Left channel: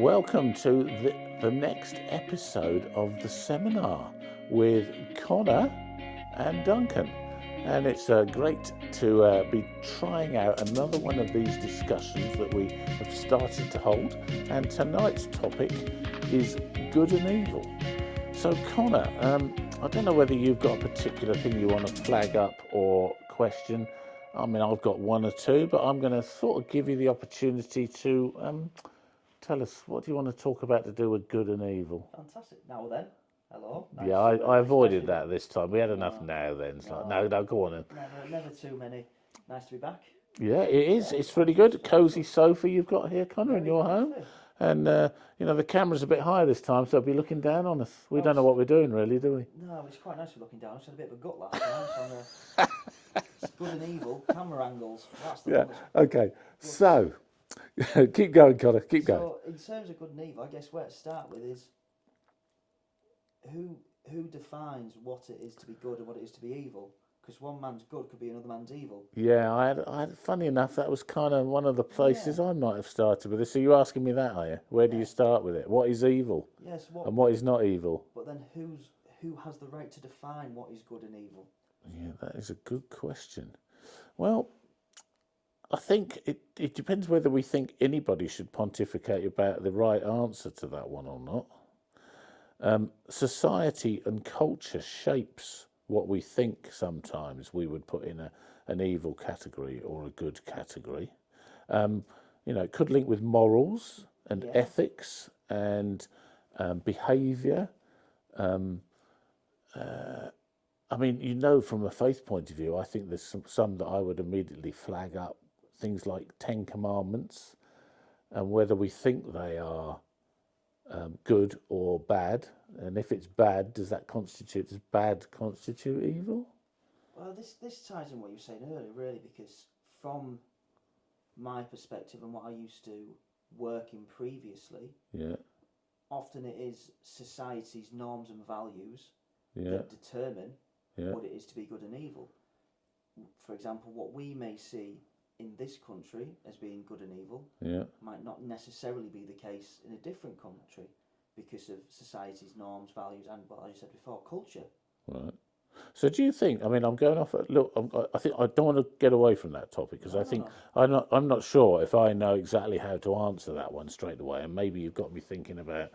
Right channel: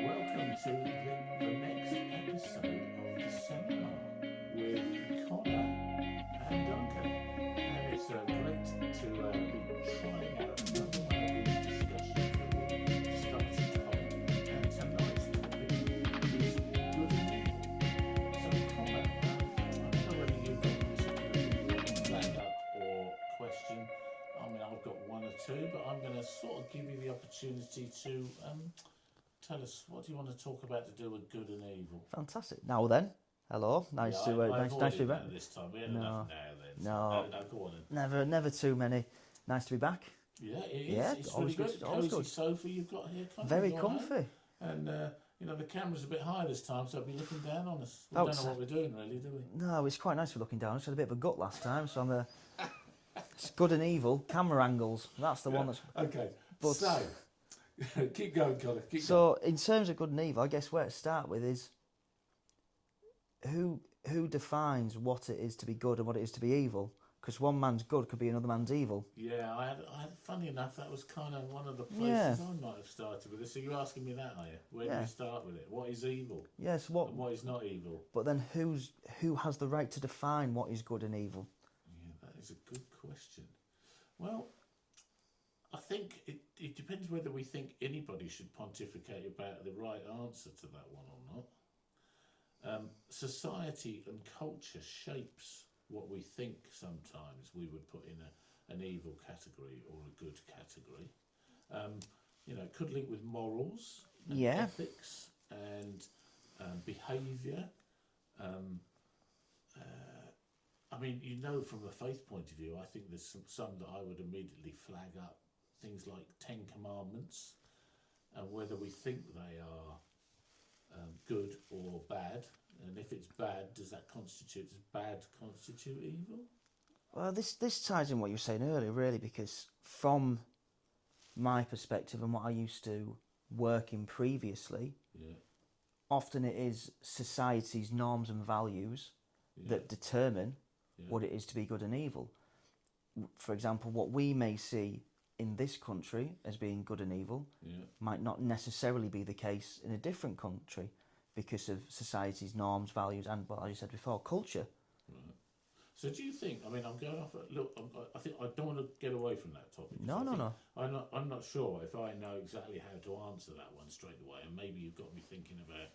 Welcome to the next episode of the seminar with Connor and Duncan. And it's great to be trying out another one of these discussions that we have started to hold. And tonight's topic is good and evil. So Connor, I don't know whether you've got a particular thing you want to flag up or question. I mean, I've got one or two, but I'm going to sort of give you the opportunity to tell us, what do you want to talk about to do with good and evil? Fantastic. Now then, hello. Nice I avoided that this time. We had enough now then. So no, go on then. Never too many. Nice to be back. Yeah, it is. It's really good. Cosy sofa you've got here, Connor, in your home. And, the camera's a bit higher this time, so it'll be looking down on us. We don't know what we're doing, really, do we? No, it's quite nice for looking down. I had a bit of a gut last time, so it's good and evil. Camera angles. That's the one that's... Okay, so... keep going, Connor. Keep going. So, in terms of good and evil, I guess where to start with is who defines what it is to be good and what it is to be evil? Because one man's good could be another man's evil. Yeah, I had. Funny enough, that was kind of one of the places I might have started with this. So you're asking me that, are you? Where do you start with it? What is evil? Yes. And what is not evil? But then who has the right to define what is good and evil? Yeah, that is a good question. Well, I think it depends whether we think anybody should pontificate about the right answer to that one or not. Society and culture shapes what we think sometimes we would put in an evil category or a good category. It could link with morals and ethics and behaviour. I mean, from a faith point of view, I think there's some that I would immediately flag up. Things like 10 Commandments, and whether we think they are good or bad. And if it's bad, does bad constitute evil? Well, this ties in what you were saying earlier, really, because from my perspective and what I used to work in previously, often it is society's norms and values that determine what it is to be good and evil. For example, what we may see in this country as being good and evil might not necessarily be the case in a different country because of society's norms, values, and, well, as you said before, culture. Right. So do you think, I mean, I'm going off, look, I think I don't want to get away from that topic because I'm not sure if I know exactly how to answer that one straight away, and maybe you've got me thinking about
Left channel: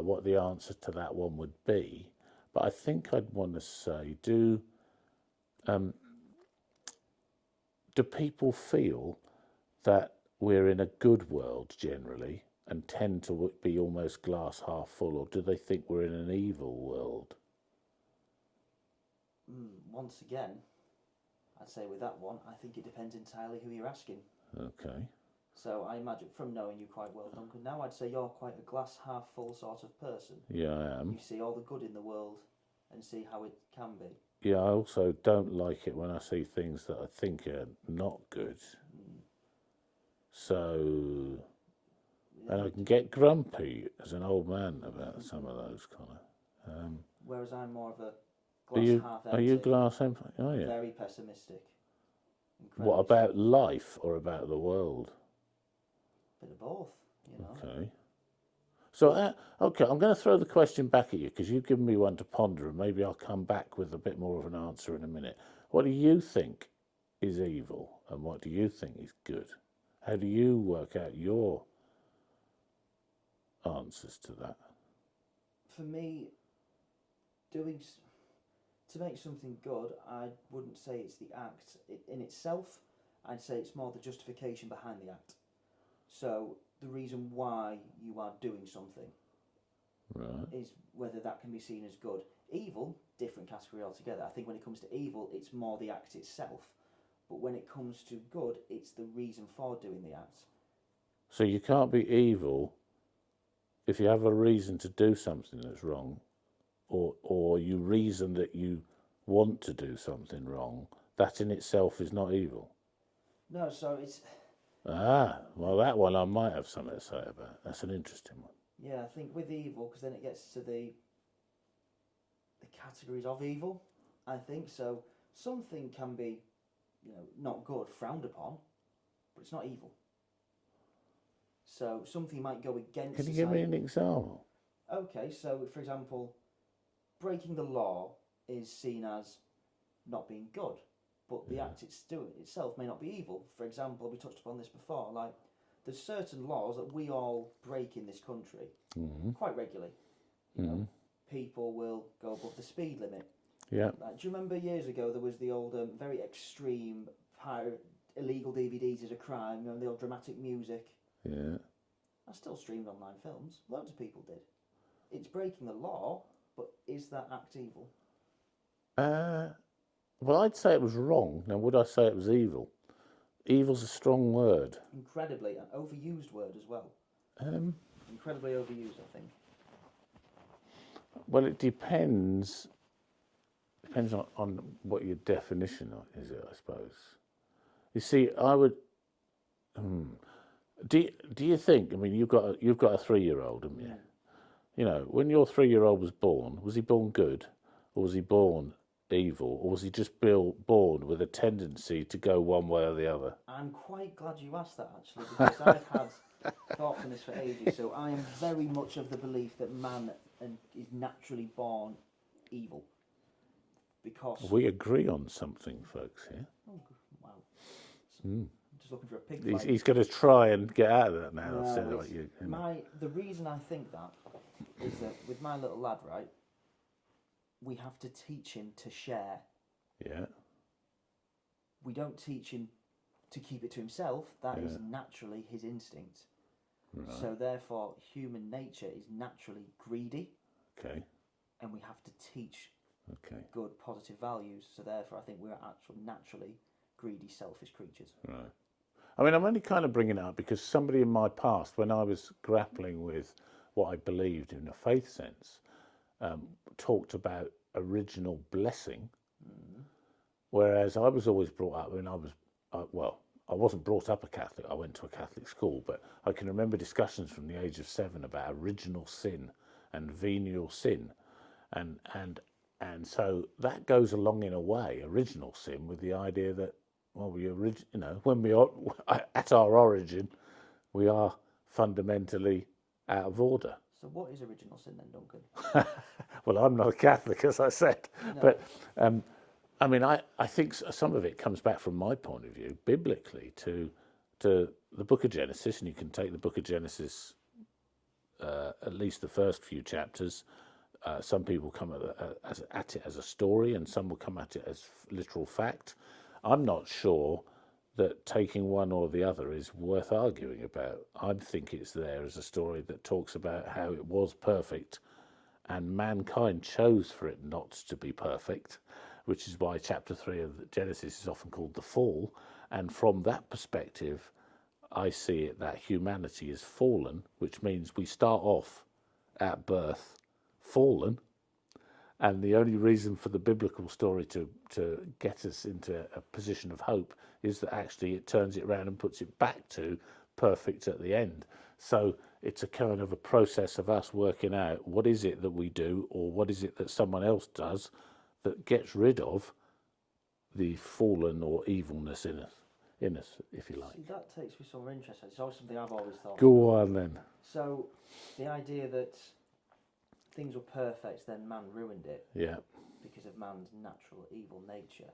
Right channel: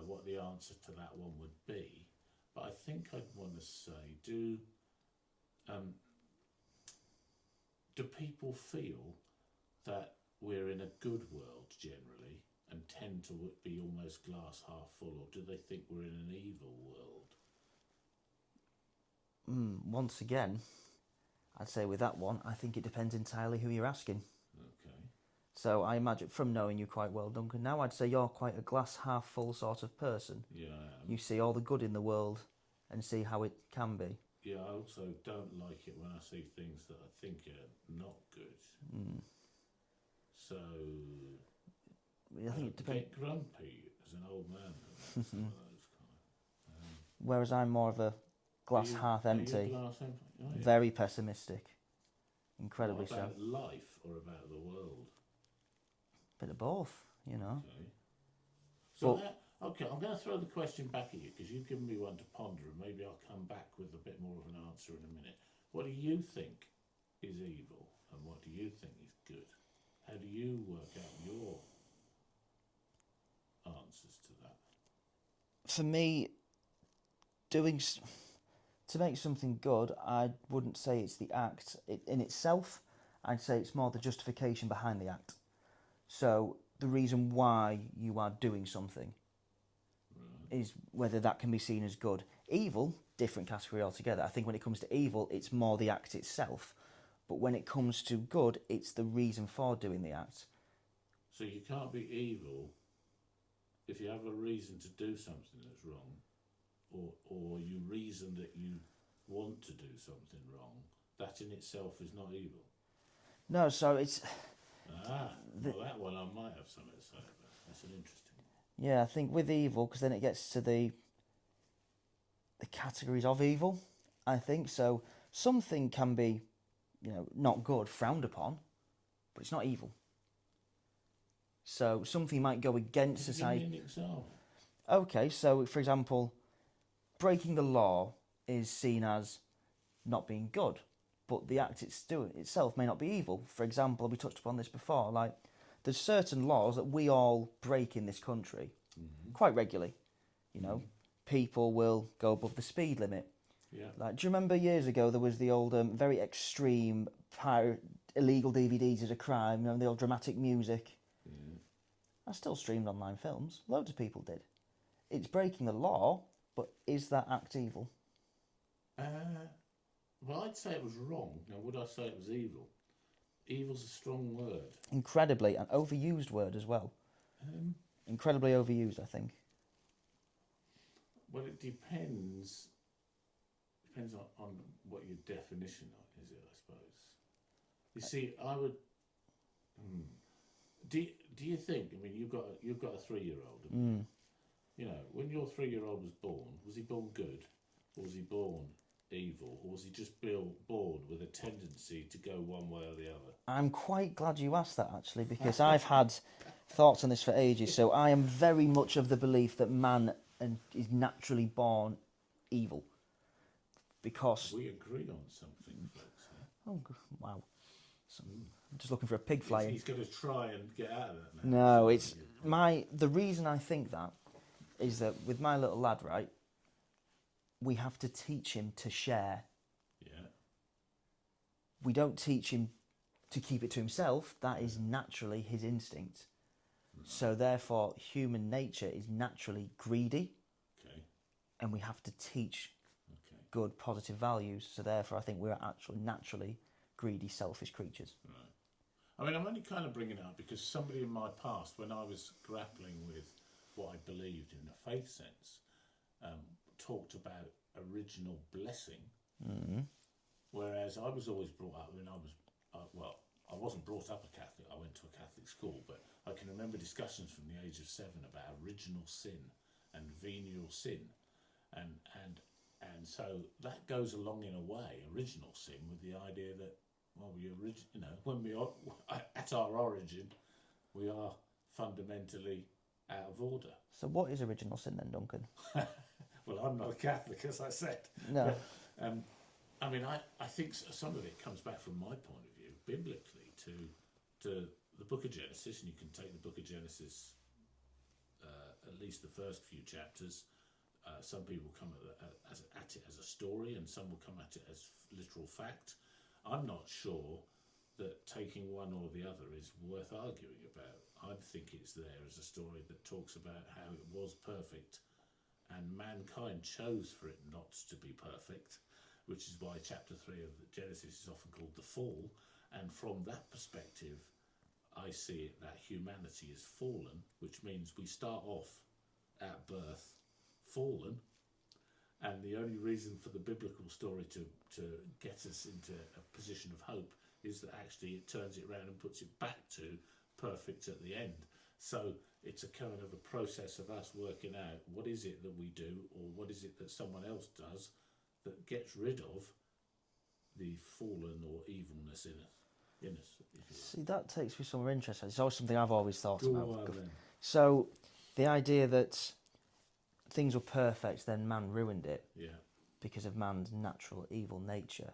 what the answer to that one would be. But I think I'd want to say, do people feel that we're in a good world generally and tend to be almost glass half full, or do they think we're in an evil world? Once again, I'd say with that one, I think it depends entirely who you're asking. Okay. So I imagine, from knowing you quite well, Duncan, now I'd say you're quite a glass half full sort of person. Yeah, I am. You see all the good in the world and see how it can be. Yeah, I also don't like it when I see things that I think are not good. So, and I can get grumpy as an old man about some of those kind of... Whereas I'm more of a glass half empty. Are you glass empty? Oh, yeah. Very pessimistic. Incredibly. What about life or about the world? Bit of both, Okay. So, I'm going to throw the question back at you because you've given me one to ponder, and maybe I'll come back with a bit more of an answer in a minute. What do you think is evil, and what do you think is good? How do you work out your answers to that? For me, to make something good, I wouldn't say it's the act in itself. I'd say it's more the justification behind the act. So the reason why you are doing something is whether that can be seen as good. Evil, different category altogether. I think when it comes to evil, it's more the act itself. But when it comes to good, it's the reason for doing the act. So you can't be evil if you have a reason to do something that's wrong, or you reason that you want to do something wrong. That in itself is not evil. No, so it's... well, that one I might have something to say about. That's an interesting one. Yeah, I think with evil, because then it gets to the categories of evil, I think. So something can be, not good, frowned upon, but it's not evil. So something might go against Can you society. give me an example? Okay, so for example, breaking the law is seen as not being good, but the act itself may not be evil. For example, we touched upon this before, like there's certain laws that we all break in this country quite regularly. You know, people will go above the speed limit. Yeah. Like, do you remember years ago there was the old very extreme illegal DVDs as a crime, you know, the old dramatic music? Yeah. I still streamed online films. Loads of people did. It's breaking the law, but is that act evil? Well, I'd say it was wrong. Now, would I say it was evil? Evil's a strong word. Incredibly, an overused word as well. Incredibly overused, I think. Well, it depends. Depends on what your definition is, I suppose. You see, I would. Do you think? I mean, you've got a 3-year-old, haven't you? You know, when your 3-year-old was he born good, or was he born evil, or was he just born with a tendency to go one way or the other? I'm quite glad you asked that, actually, because I've had thoughts on this for ages. So I am very much of the belief that man is naturally born evil. Because we agree on something, folks. Yeah. Oh wow! So I'm just looking for a pig fly. He's going to try and get out of that now. No, it's the reason I think that is that with my little lad, right, we have to teach him to share. Yeah. We don't teach him to keep it to himself. That is naturally his instinct. Right. So therefore, human nature is naturally greedy. Okay. And we have to teach good, positive values. So therefore, I think we're actually naturally greedy, selfish creatures. Right. I mean, I'm only kind of bringing it up because somebody in my past, when I was grappling with what I believed in a faith sense, talked about original blessing. Whereas I was always brought up, when I wasn't brought up a Catholic. I went to a Catholic school, but I can remember discussions from the age of 7 about original sin and venial sin, and so that goes along in a way, original sin, with the idea that when we are at our origin, we are fundamentally out of order. So what is original sin then, Duncan? Well, I'm not a Catholic, as I said, no. But I mean, I think some of it comes back from my point of view, biblically, to the Book of Genesis, and you can take the Book of Genesis, at least the first few chapters. Some people come at it as a story, and some will come at it as literal fact. I'm not sure that taking one or the other is worth arguing about. I think it's there as a story that talks about how it was perfect, and mankind chose for it not to be perfect, which is why chapter 3 of Genesis is often called the fall. And from that perspective, I see it that humanity is fallen, which means we start off at birth fallen, and the only reason for the biblical story to get us into a position of hope is that actually it turns it around and puts it back to perfect at the end. So it's a kind of a process of us working out what is it that we do, or what is it that someone else does that gets rid of the fallen or evilness in us, if you like. See, that takes me somewhere interesting. It's always something I've always thought Go about. on then. So the idea that things were perfect, then man ruined it. Yeah. Because of man's natural evil nature.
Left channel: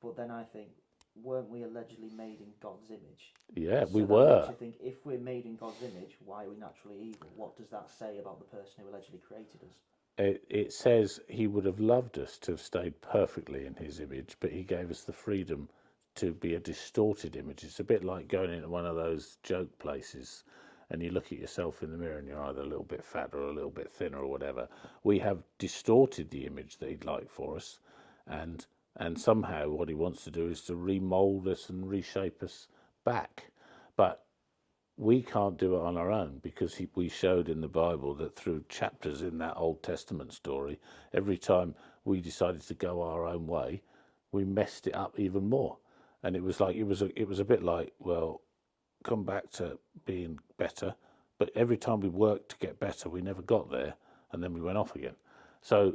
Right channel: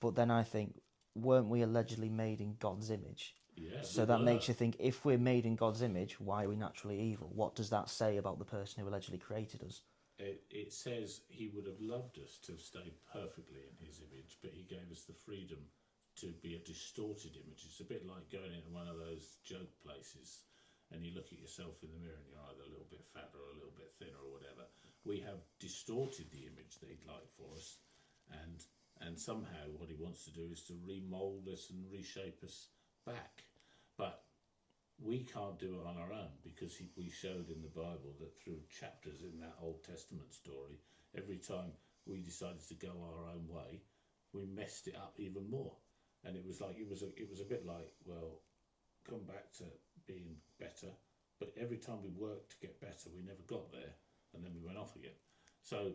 But then I think, weren't we allegedly made in God's image? Yeah, so we that were. makes you think, if we're made in God's image, why are we naturally evil? What does that say about the person who allegedly created us? It says he would have loved us to have stayed perfectly in his image, but he gave us the freedom to be a distorted image. It's a bit like going into one of those joke places and you look at yourself in the mirror and you're either a little bit fat or a little bit thinner or whatever. We have distorted the image that he'd like for us, and somehow what he wants to do is to remold us and reshape us back. But we can't do it on our own, because we showed in the Bible that through chapters in that Old Testament story, every time we decided to go our own way, we messed it up even more. And it was a bit like, well, come back to being better, but every time we worked to get better, we never got there, and then we went off again. So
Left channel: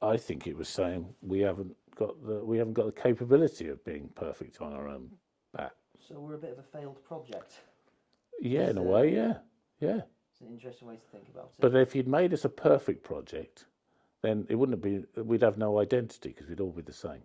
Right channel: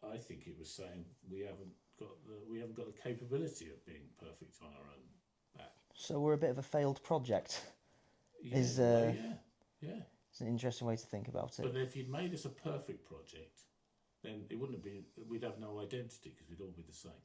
I think it was saying we haven't got the capability of being perfect on our own back. So we're a bit of a failed project. Yeah, in a way, yeah. Yeah. It's an interesting way to think about it. But if you'd made us a perfect project, then it wouldn't have been, we'd have no identity because we'd all be the same.